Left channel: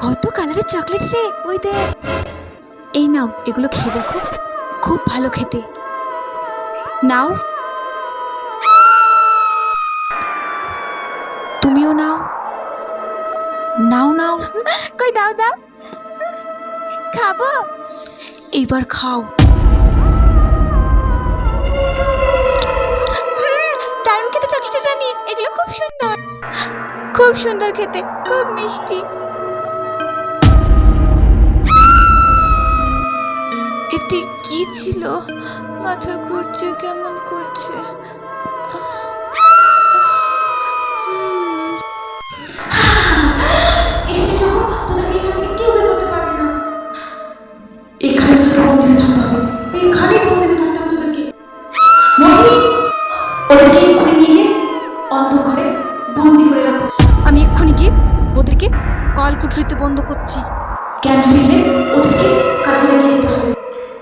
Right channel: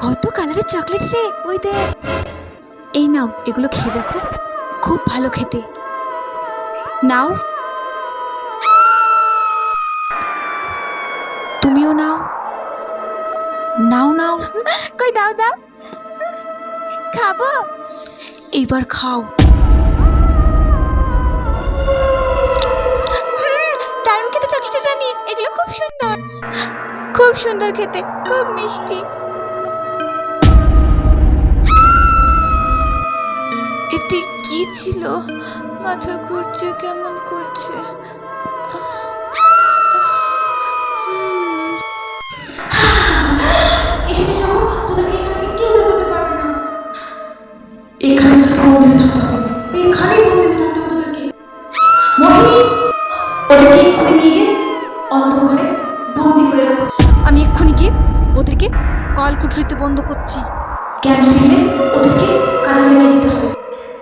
কত কালারের চকলেট রে, ওই দেখ। এই নাও, এগুলো খেয়ে দেখো, খুব ভালো খেতে। নাও, তুমিও নাও। নাও নাও, কই দাও দাও, খাবো। এইবার খাও। দারুণ খেতে চকলেটের রানী, এগুলো খুব সুন্দর, খুব সুন্দর খেতে, খুব মিষ্টি। এটি কি ছিল? মাথার ঘুরছে, কেমন করছে। এসেছে যখন, তোদেরকে এখান থেকে কেউ বের করতে পারবে না। এখানে তোদেরকে বন্দী হয়ে থাকতে হবে, এখানেই বন্দী হয়ে থাকতে হবে তোদেরকে। মোহিনী, ওদেরকে এক্ষুনি নিয়ে গিয়ে অন্ধকারে বন্দি করে রাখো। আমি এক্ষুনি গিয়ে ওদেরকে কলকুঠরিতে বন্ধ করছি। জ্ঞান ফিরলে ওদের